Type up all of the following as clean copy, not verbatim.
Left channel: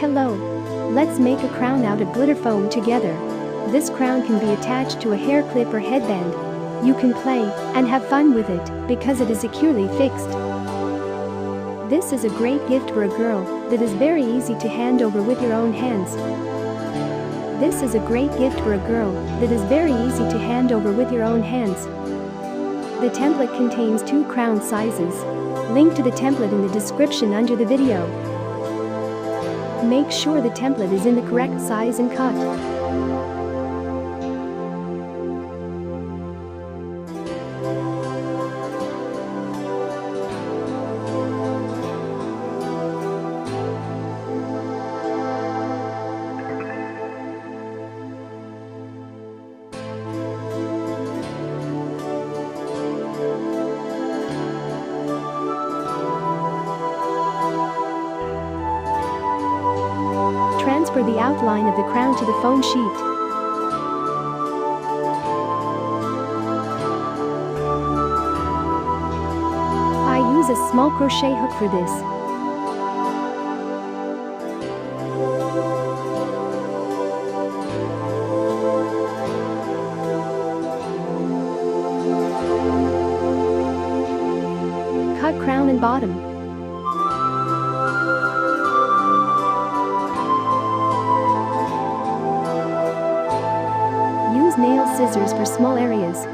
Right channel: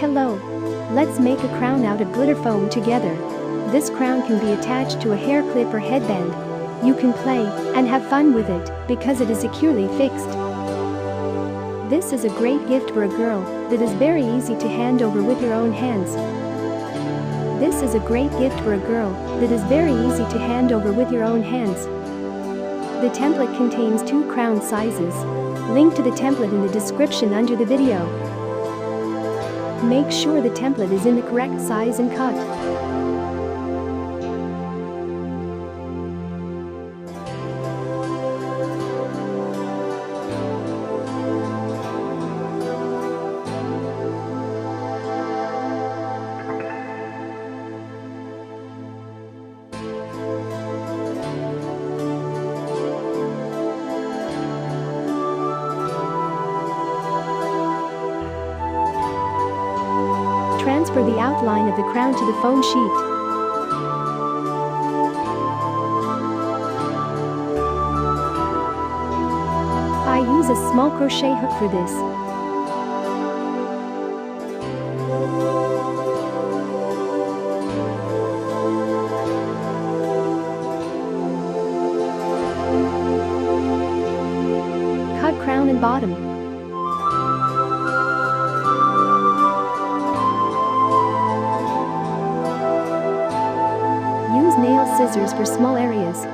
Hello! Let's make a crown out of glitter foam together. This crown can be attached to a hair clip or headband. You can play and have fun with it because it is securely fixed. This is a great gift for a girl that is very easy to hand over with your own hands. This is a great gift for a girl that is very easy to hand over with your own hands. The template contains 2 crown sizes. Link to the template in the description under the video. Make sure the template is in the correct size and cut. Transfer the outline of the crown to the foam sheet. I use a small crochet hook for this. Cut crown and bottom. Use nail scissors for small areas.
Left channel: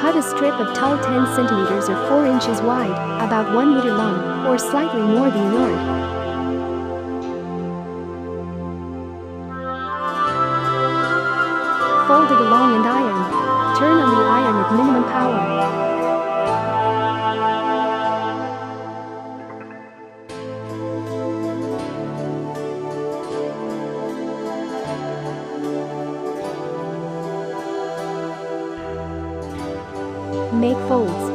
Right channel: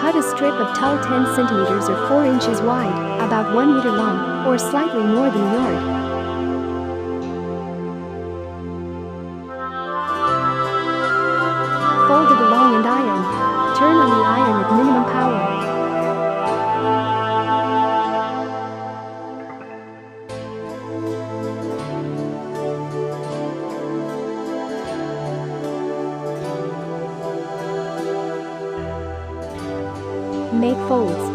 Cut a strip of tulle 10 cm or 4 inches wide, about 1 meter long, or slightly more than a yard. Fold it along and iron. Turn on the iron at minimum power. Make folds.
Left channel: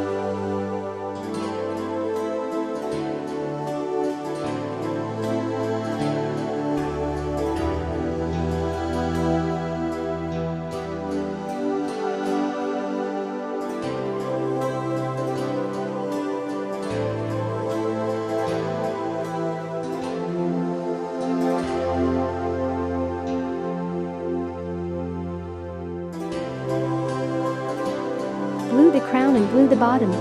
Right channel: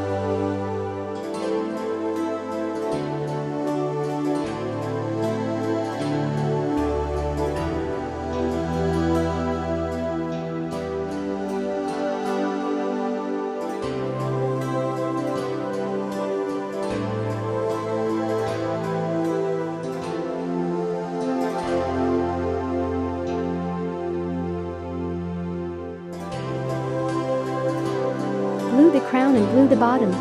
Glue the crown and glue the bottom.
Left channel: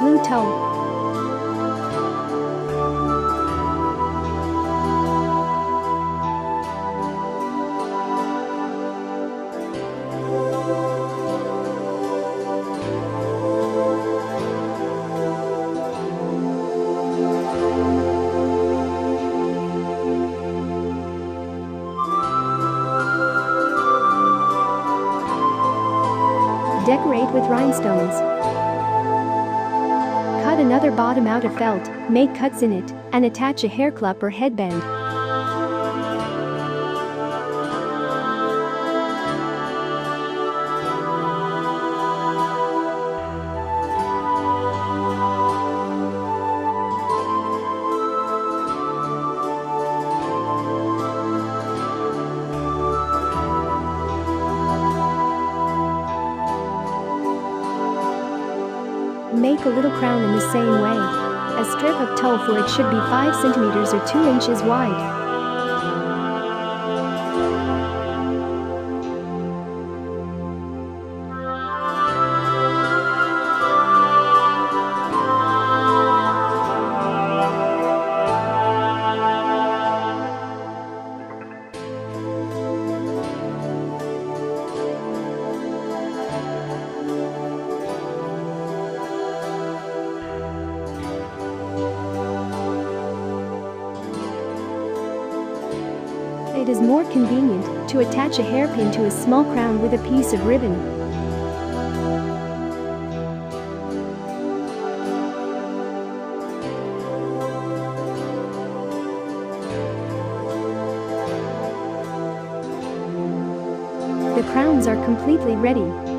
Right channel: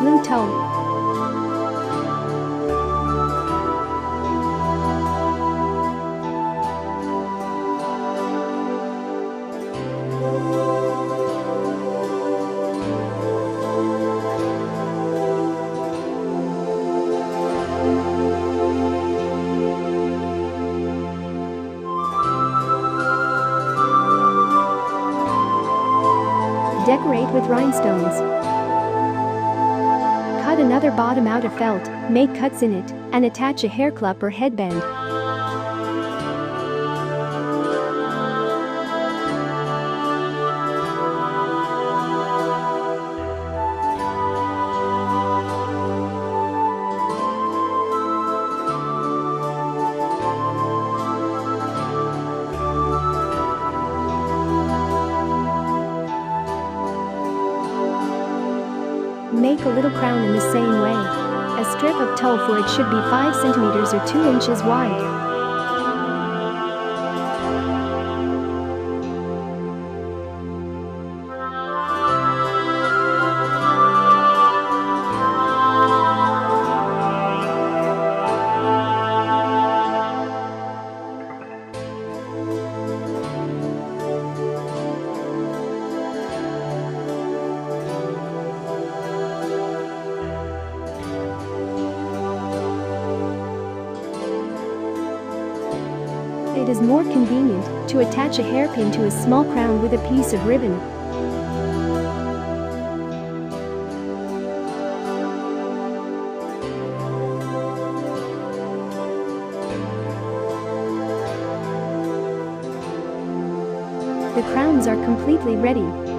Glue tulle. Decorate with rhinestones. Cut another bottom out of felt, make cuts in it, and attach a hair clip or headband. Make a little crown in the same way. A strip of tulle for it should be 5 cm or 2 inches wide. it is more convenient to attach a hairpin to a small crown with a piece of ribbon. The crowns are completely ready.